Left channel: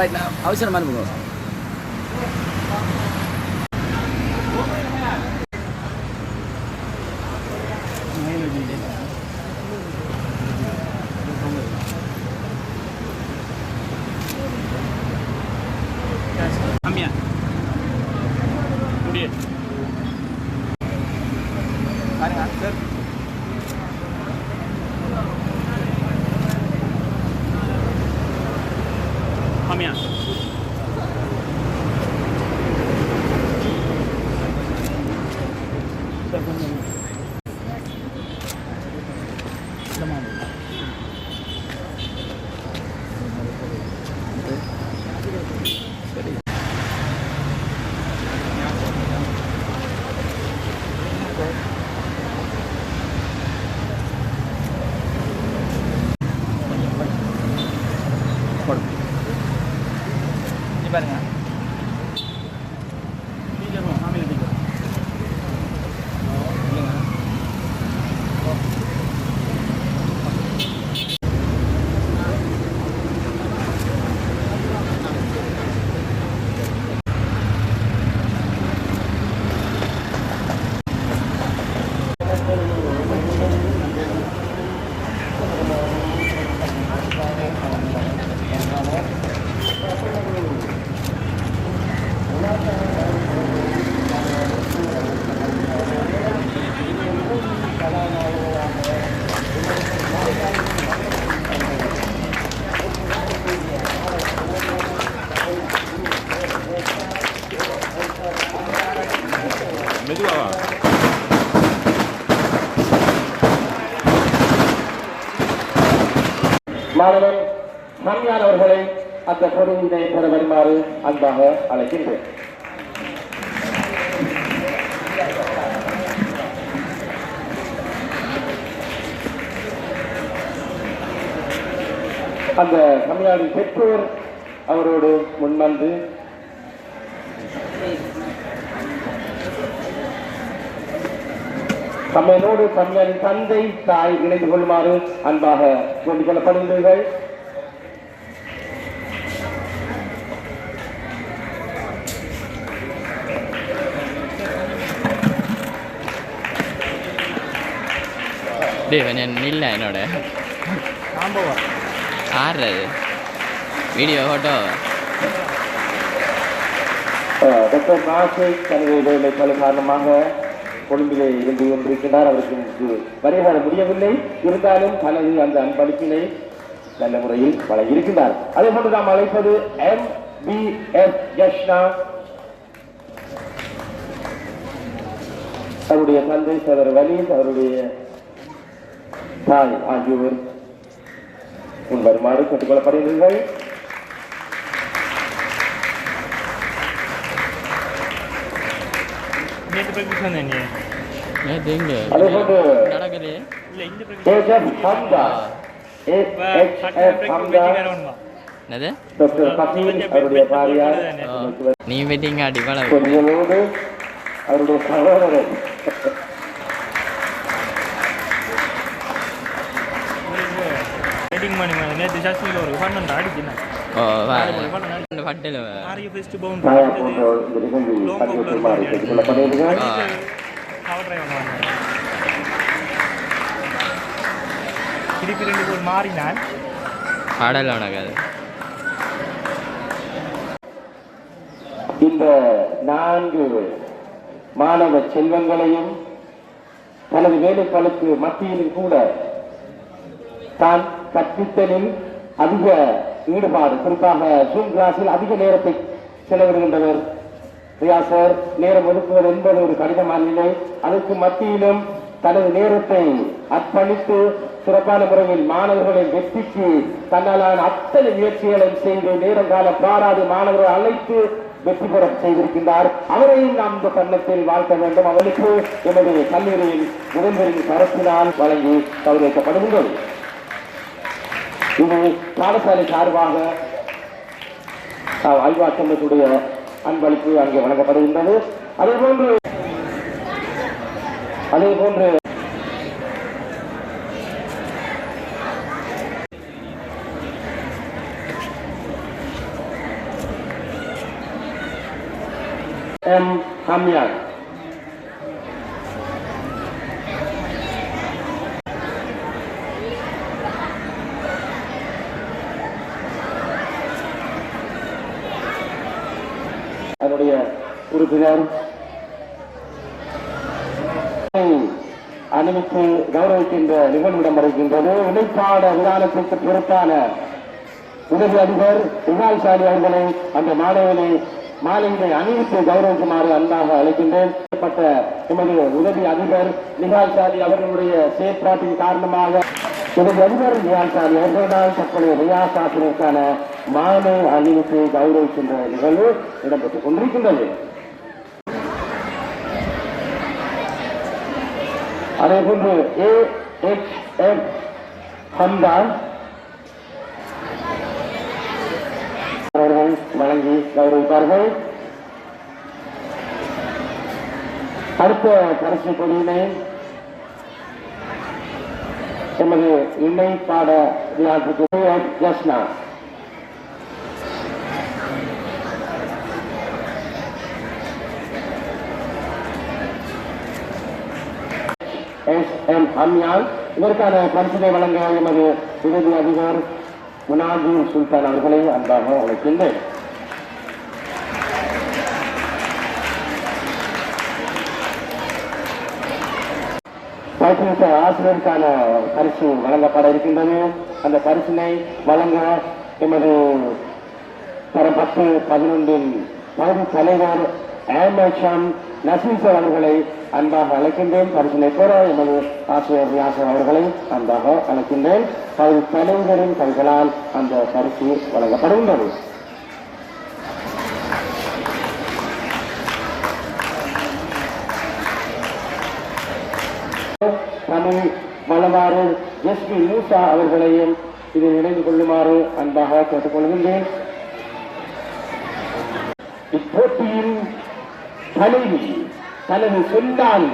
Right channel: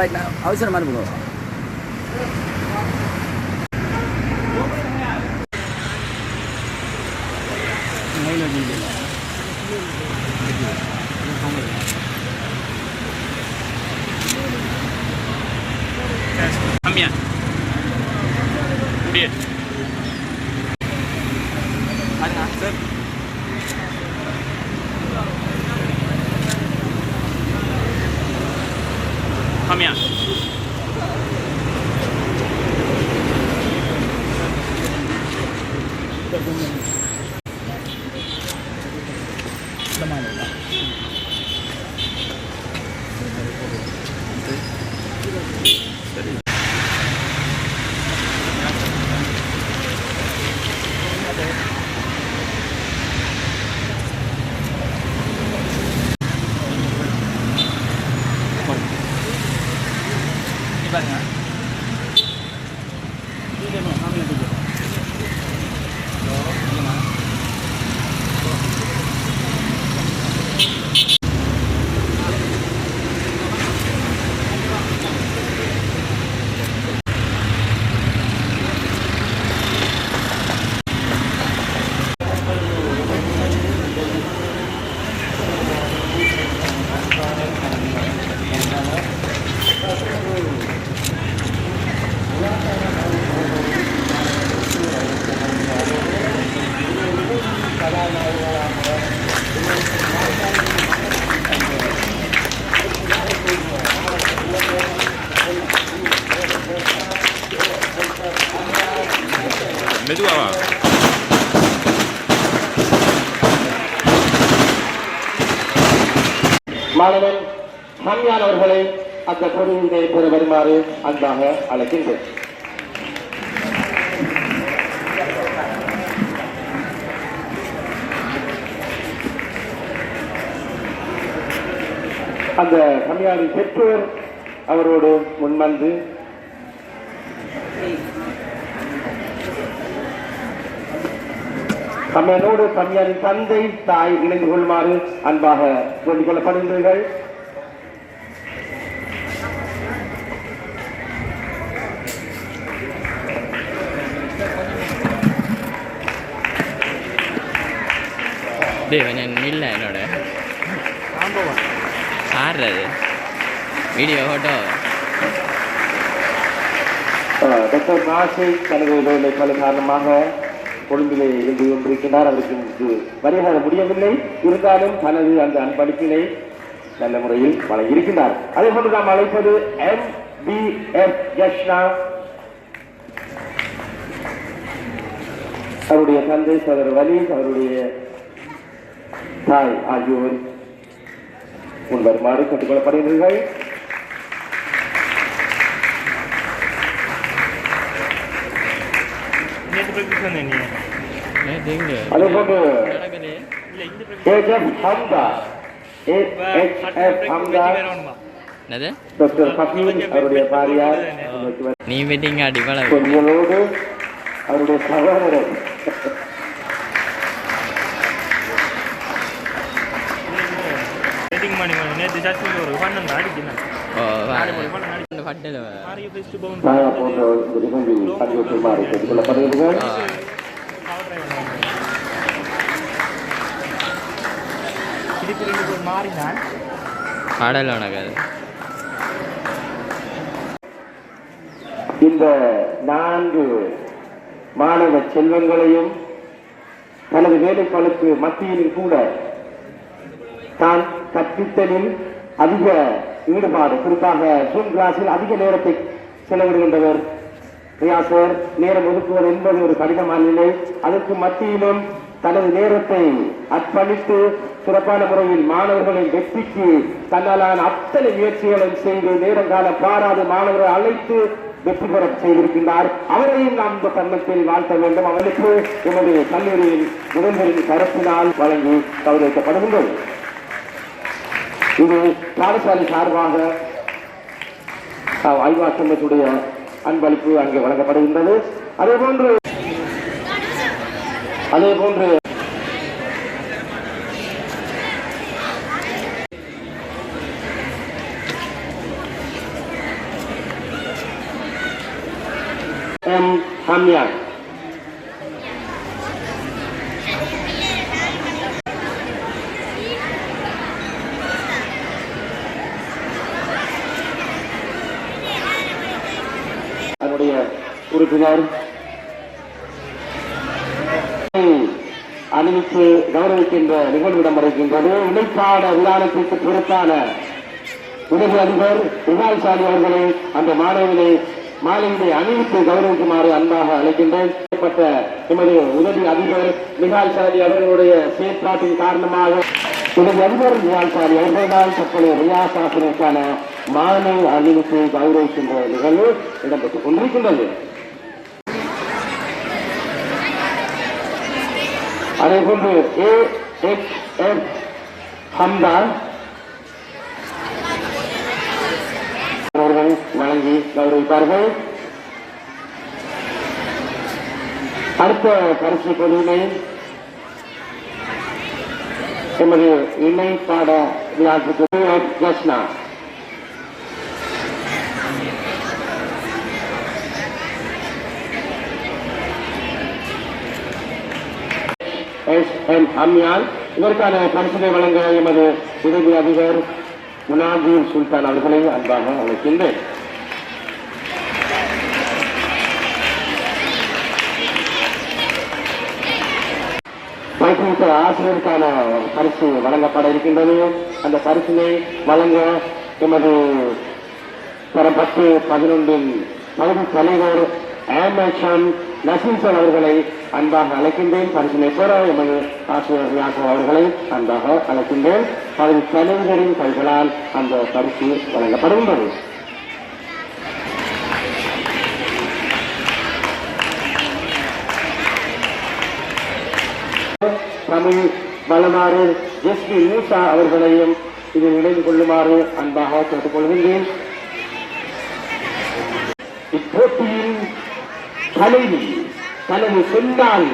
Right அவசரம் அனுப்புங்க. Kamian. மெதுவா மாணவன் கம்யான் அவர்களை அந்த பொருளினை பெற வருமாறு அன்பாக அழைக்கின்றேன். அந்த கம்யானின் பெற்றோர் அவரோடு முன்வந்து கம்யானோடு கம்யானின் தந்தை தாய் இணைந்து கொள்ளுமாறு அன்பாக சொல்லிக் கொள்ளப்படுகிறீர்கள். கொஞ்சம் இல்லை என்னோட ஆடுறது வீடியோ ஃபோட்டோ டாக்டர் நாசை தனது வேலை பல காரணமாக கொழும்பிலே இருந்து கொண்டிருக்கிறார். அவருக்கு வருகை முடியவில்லை. இருந்தாலும் தனது அந்த அன்பளிப்பினை நல்ல முறையில் வழங்கியிருக்கிறார். அதே போன்று நாம் அழைப்பது MBF ஜஷ்னா, அவருடைய தந்தை சகோதரர் வலி, அவருடைய தாய் ஆகியோர் வருமாறு கேட்டுக் கொள்ளப்படுகிறீர்கள். நீ வெட்டிங்க அடிப்படை கொஞ்சோடு அவருடைய சகோதரர் பாடல உனக்கு இந்த 4 மாணவ செல்வங்களையும் தனது வேலைப்பாளுக்கு மத்தியில் கூட தான் கற்பித்தலில் அதிக ஈடுபாடு, குறிப்பாக ஜூம் கிளாஸில் அதிக நேரத்தை செலவிடுகின்றவர் ரியாசர். நேரம் ஒதுக்குவது என்பது ஒரு கடினமான நிலை. அதற்கு மத்தியிலும் தனது நேரத்தை அர்ப்பணித்து சிறப்பான முறையில் மாணவர்களின் வெற்றிக்கு தன்னாலான அத்தனை முயற்சிகளையும் செய்து நேரம் காலம் பாராது மாணவர்களை அழைத்து வெற்றி பெற செய்திருக்கின்றார். அவரையும் நாம் இந்த தருணத்தில் வாழ்த்த வேண்டும். அவனுக்கு எமது கல்லூரியின் முதல்வரின் கருத்தினால் வழங்கி கௌரவிக்கப்படுகின்றது. இது பாடசாலை சார்பாக ஆய்வா சங்கத்துடைய அன்பளிப்பு அங்கே வழங்கப்படுகின்றது. அதேபோன்று ஹம்யான். அதனுடைய உறுப்பினர் அணிவித்து கௌரவிக்கின்ற நிகழ்வு இடம்பெறுகின்றது. இணைப்பாட விதானத்திற்கு பொறுப்பான உதவி அதிபர் இமால்சாலி அவர்களை அந்த மாலையினை அணிவித்து கௌரவிக்குமாறு அன்பாக அழைக்கின்றேன். எமது உதவி அதிபர் நிகால்சாலி அவர்களுடைய செயற்பாட்டின் காரணமாக உதவி அதிபர் நிகால்சாலி அவர்களால் தற்போதைய ரியாஸ் ஆசிரியருக்கான மாலை அணிவித்து கௌரவிக்கின்ற நிகழ்வு இடம்பெற்றுக் கொண்டிருக்கின்றது. அதேபோன்று AHF ஹம்தான் அவர்கள் வழங்கி கௌரவித்தார்கள். அடுத்த பரிசு பொருளினை எமது இணை பாட விழாவுக்கு ஜஸ்னா SM ஹம்யான் இதற்கான பரிசினை வழங்க எமது உதவி அதிபர் முனாஜி சுல்தான் அவர்களை அன்பாக அழைக்கின்றேன். பயிற்றுவித்த ஆசிரியருக்கான பரிசு வழங்கப்பட இருக்கின்றது. அந்த பரிசினை வழங்க எமது தரம் 10-11 பகுதி தலைவர் AMHM நசீசர் அவர்களை அன்பாக அழைக்கின்றேன். பரிசினை பெற எமது ஆசிரியர் வியாசம் அவர்களை அன்பாக அழைக்கின்றேன். பகுதி தலைவரின் கைகளால் அந்த பரிசு வழங்கப்படுகின்றது. தமிழ் வளனாறு SP மூசா அவர்களையும் இதில் இணைந்து கொள்ளுமாறு அன்பாக கேட்டுக்கொள்கின்றேன். இப்போட்டியின் தலைவி தனது சொந்தால்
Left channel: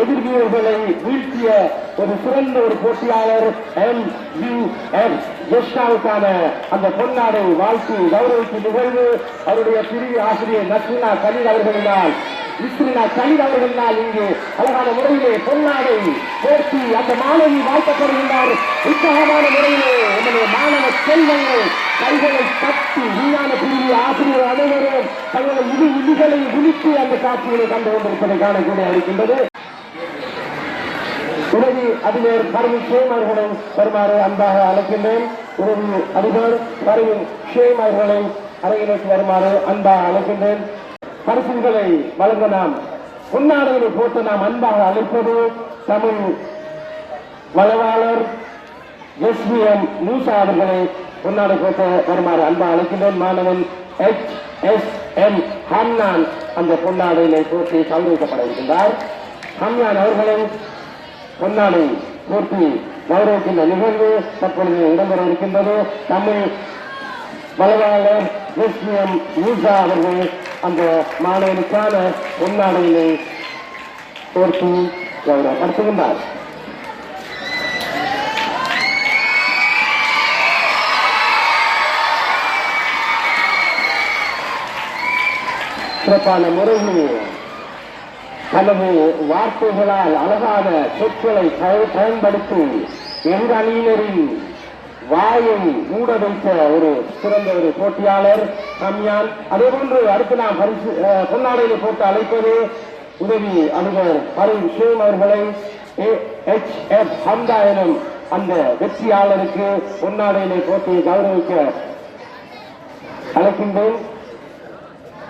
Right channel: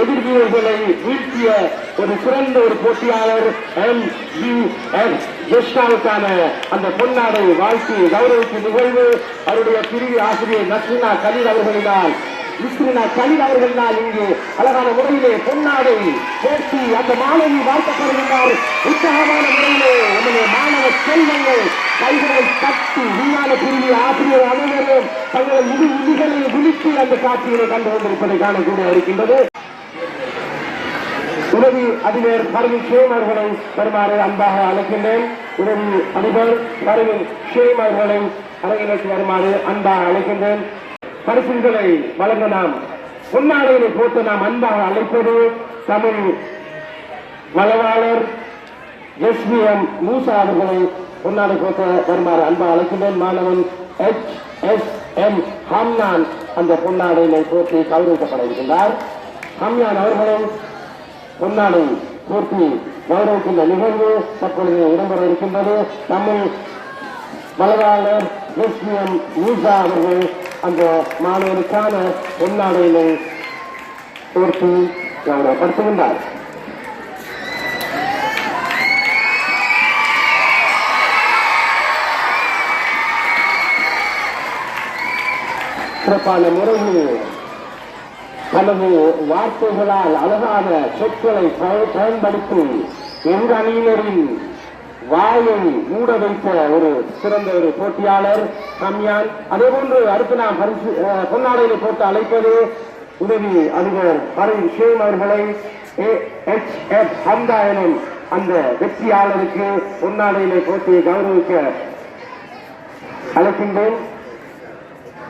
எதிர்வீரர்களை வீழ்த்திய ஒரு சிறந்த ஒரு போட்டியாளர் MUF ஜெஸ்டாவுக்கான அந்த பொன்னாடை வாழ்த்து கௌரவிக்கும் நிகழ்வு அவருடைய பிரிவு ஆசிரியர் நஸ்ரினா கலீல் அவர்களினால் இங்கு அழகான முறையிலே பொன்னாடை போட்டி அந்த மாணவி வாழ்த்தப்படுகின்றார். உற்சாகமான முறையிலே நம்முடைய மாணவ செல்வங்கள் கைகளை தட்டி விஞ்ஞான பிரிவு ஆசிரியர் அனைவரும் தங்கள் விதிகளை விழித்து அந்த காட்சிகளை கண்டு கொண்டிருப்பதை காணக்கூட இருக்கின்றது. உதவி அதிபர் பரவின் ஷேம் அவர்களை வருமாறு அன்பாக அழைக்கின்றேன். உதவி அதிபர் பரவின் ஷேம் அவர்களை அரங்கிற்கு வருமாறு அன்பாக அழைக்கின்றேன். பரிசுகளை வழங்க நாம் பொன்னாடைகளை போட்டு நாம் அன்பாக அழைப்பது தமிழ் வளவாளர் SVM மூசா அவர்களை பொன்னாடை போட்டு வருமாறு அன்பாக அழைக்கின்றேன். மாணவன் HSM ஹம்யான் அந்த பொன்னாடைகளை போட்டு கௌரவிக்கப்பட இருக்கின்றார். ஹம்யான் அவர்களை பொன்னாடை போட்டி கௌரவிக்கின்ற நிகழ்வு தற்பொழுது இடம்பெற இருக்கின்றது. தமிழ் வளவாளர் SVM மூசா அவர்கள் அந்த மாணவனுக்கான பொன்னாடையினை போட்டி கௌரவப்படுத்துகின்றார். சிறப்பான முறையில் தனது வார்த்தைகளால் அழகான சொற்களை பயன்படுத்தி எந்த அணியினரின் வாயை மூட வைத்த ஒரு சிறந்த ஒரு போட்டியாளர் ஹம்யான். அதே போன்று அடுத்து நாம் பொன்னாடையை போட்டு அழைப்பது உதவி அதிபர் பரவின் ஷேம் அவர்களை AHF ஹம்தா எனும் அந்த வெற்றியாளருக்கு பொன்னாடையினை போட்டி கௌரவிக்க அழைக்கின்றேன்.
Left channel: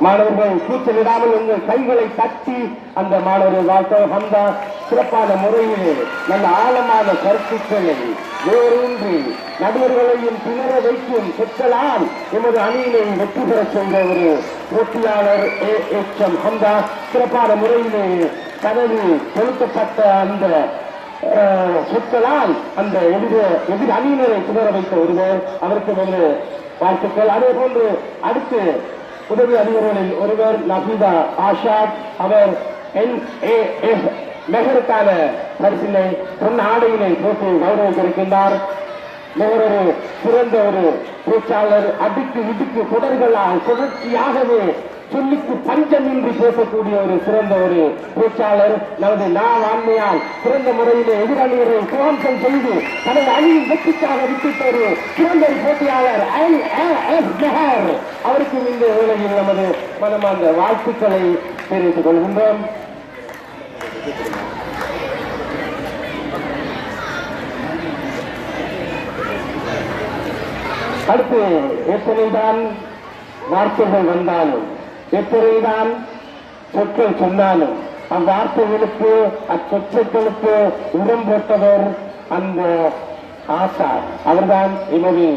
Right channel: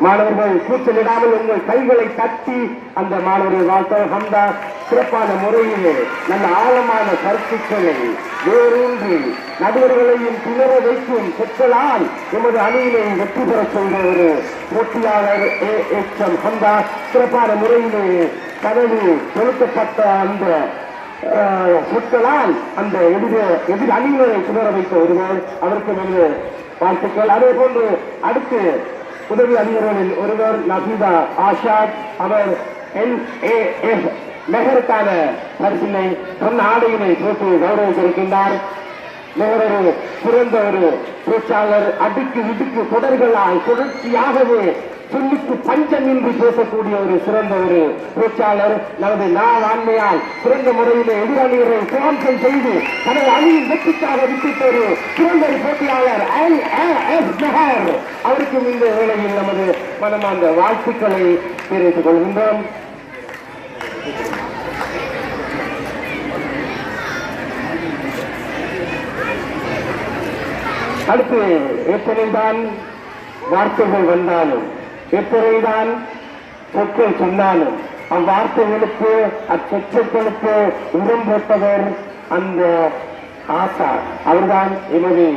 மாணவர்கள் கூச்சலிடாமல் உங்கள் கைகளை தட்டி அந்த மாணவர்கள் வாழ்த்த ஹம்தா சிறப்பான முறையிலே நல்ல ஆழமான கருத்துக்களை வேறூன்றி நடுவர்களையும் திணற வைக்கும் சொற்களால் எமது அணியிலே வெற்றி பெற செய்த ஒரு போட்டியாளர் AHM ஹம்தா சிறப்பான முறையிலே தனது செலுத்தப்பட்ட அந்த சொற்களால் அந்த எதிர் அணியினரை திணற வைத்த ஒருவர் அவருக்கு நமது வாழ்த்துக்கள். அதே போன்று அடுத்து உதவி அதிபர்களில் ஒருவர் நபீதா ஆஷாத் அவர் NAF மெஹருக்கான பரிசினை பொன்னாடையினை போட்டு கௌரவித்திருக்கின்றார். மெஹர் சிறந்த ஒரு பேச்சாளர். அடுக்கு விடுக்கு தொடர்களால் தொடர்ச்சியாகவே சொல்லுக்கு பஞ்சம் என்று பேசக்கூடிய ஒரு சிறந்த ஒரு பேச்சாளர். நமது ஆண்மையால் சிறந்த முறையிலே எதிரணிகளை சுவாம்சம் செய்து தனது அணியின் வெற்றிக்காக விட்டுட்ட ஒரு சிறந்த போட்டியாளர் அவருக்கும் இந்த வேளையில் நமது மனமார்ந்த வாழ்த்துக்களை தெரிவித்துக் கொள்கின்றோம். அடுத்து எத்தனைதான் வார்த்தைகள் வந்தாலும் எத்தனைதான் சொற்கள் சொன்னாலும் அவ்வார்த்தைகளுக்கு அச்சொற்களுக்கு உரம் போட்டவர் அந்த ஆசான். அவர்தான் எனது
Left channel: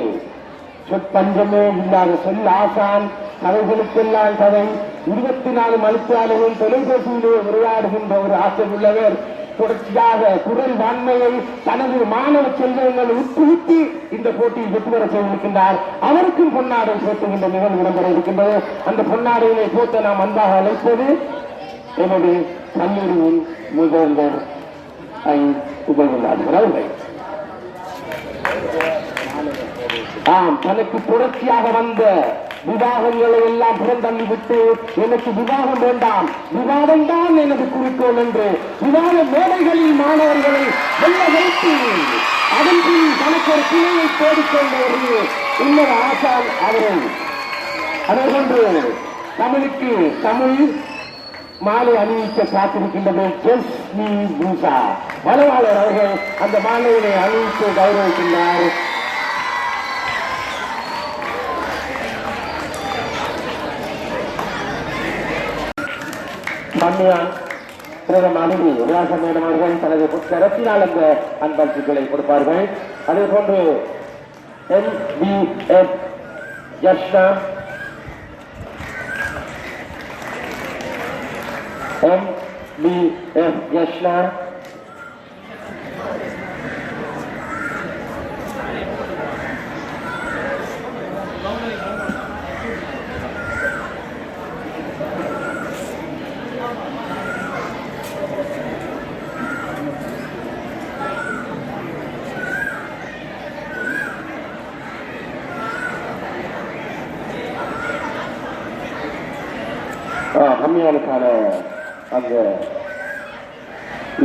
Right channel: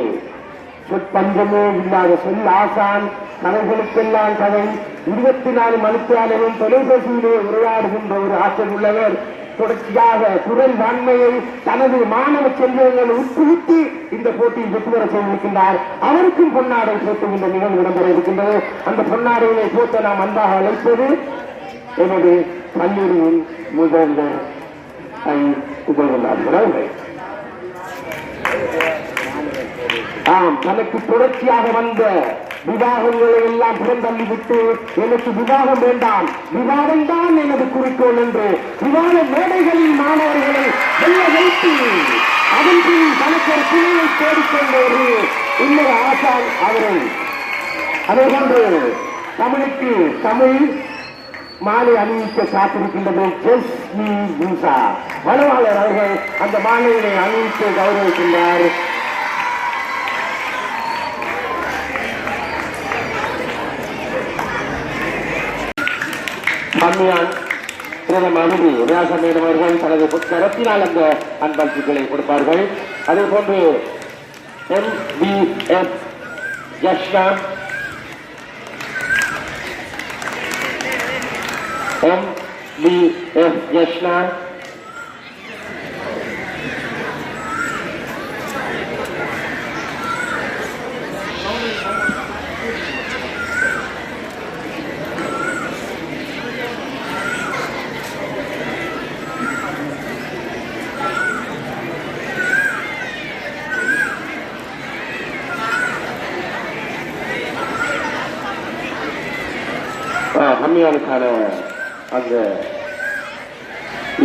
சொற்பஞ்சமே இல்லாத சொல் ஆசான். கதைகளுக்கெல்லாம் கதை 24 மணித்தாலும் தொலைபேசியிலே உரையாடுகின்ற ஒரு ஆற்றல் உள்ளவர். தொடர்ச்சியாக குரல் வான்மையை தனது மாணவ செல்வங்கள் உட்புகுத்தி இந்த போட்டியில் வெற்றி பெற செய்திருக்கின்றார். அவருக்கும் பொன்னாடை போட்டுகின்ற நிகழ்வு இடம்பெற இருக்கின்றது. அந்த பொன்னாடையினை போட்ட நாம் அன்பாக அழைப்பது எனது கல்லூரியின் முதல்வர் அவர்கள். தனக்கு தொடர்ச்சியாக வந்த விவாகங்களை எல்லாம் புறந்தள்ளிவிட்டு எனக்கு விவாகம் வேண்டாம், விவாதம் தான் எனது குறிக்கோள் என்று விவாத மேடைகளில் மாணவர்களை வெள்ள வைத்து அதன் பின் தனக்கு ஒரு பிள்ளையை தேடிக்கொண்டோடு இன்னொரு ஆசான் அவரை அதேபோன்று தமிழுக்கு தமிழ் மாலை அணிவிக்க காத்திருக்கின்றது. வளவாளர் அவர்கள் அந்த மாலையினை அணிவித்து கௌரவிக்கின்றார். பிரதம அனுமதி வியாசமீனம் அவர்கள் தனது கரத்தினால் அந்த அன்பளிப்புகளை கொடுப்பார்கள். அதே போன்று MBF ஜஷ்னா, MBF ஜஷ்னா, கம்மியானுக்கான அந்த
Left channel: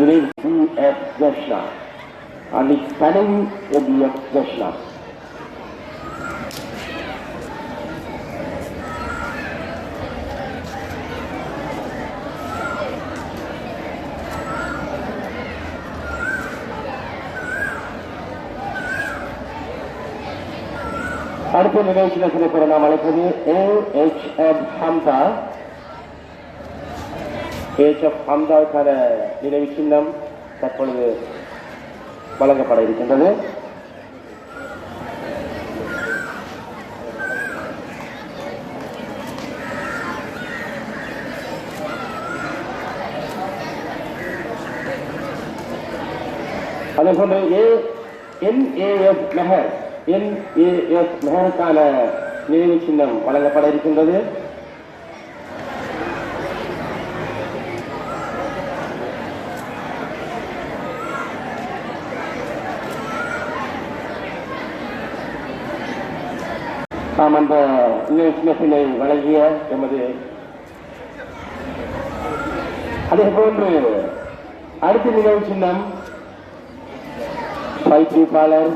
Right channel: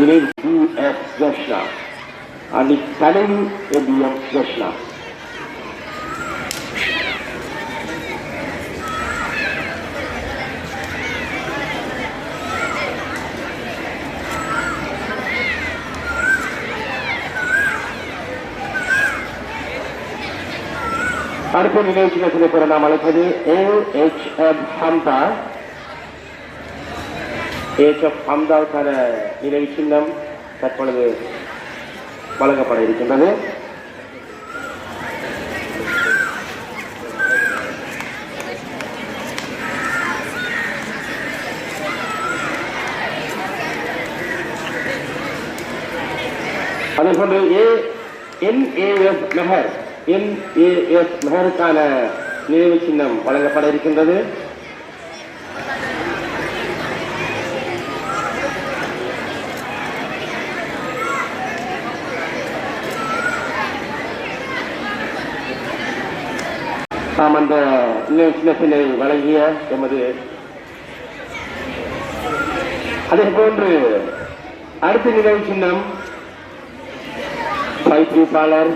இணை BF ஜஷ்னா, அணி தலைவி MBF ஜஷ்னா. அடுத்த நிகழ்ச்சியில் சில நாம் அழைப்பது AHF ஹம்தா. AHF ஹம்தாவுக்கான நினைவு சின்னம் தற்பொழுது வழங்கப்பட இருக்கின்றது. அதேபோன்று NAF மெஹர், NAF மெஹருக்கான நினைவு சின்னம் வழங்கப்பட இருக்கின்றது. அந்த சின்னத்தினை வழங்கிய எமது அதே போன்று அடுத்த நினைவு சின்னம் பயிற்சியாளர்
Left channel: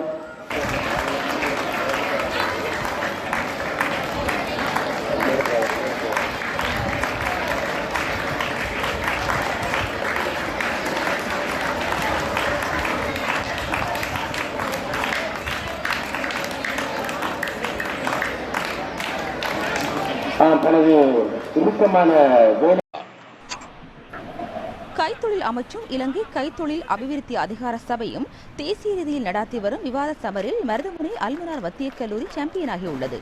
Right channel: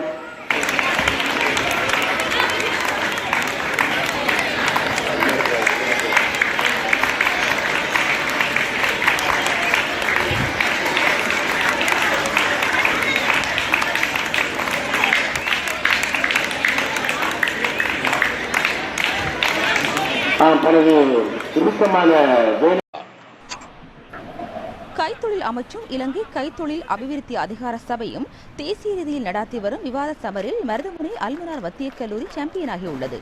கைத்தொழில் அமைச்சும் இலங்கை கைத்தொழில் அபிவிருத்தி அதிகார சபையும் தேசிய ரீதியில் நடாத்தி வரும் விவாத சமரில் மருதமுனை அல்மனார் வத்திய கல்லூரி சாம்பியனாகியுள்ளது.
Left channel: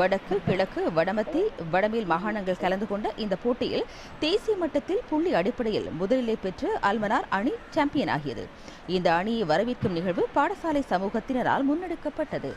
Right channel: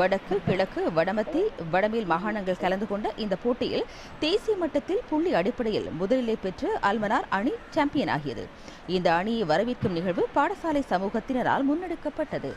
வடக்கு, கிழக்கு, வடமத்தி, வடமேல் மாகாணங்கள் கலந்து கொண்ட இந்த போட்டியில் தேசிய மட்டத்தில் புள்ளி அடிப்படையில் முதலிலை பெற்று அல்மனார் அணி சாம்பியனாகியது. இந்த அணியை வரவேற்கும் நிகழ்வு பாடசாலை சமூகத்தினரால் முன்னெடுக்கப்பட்டது.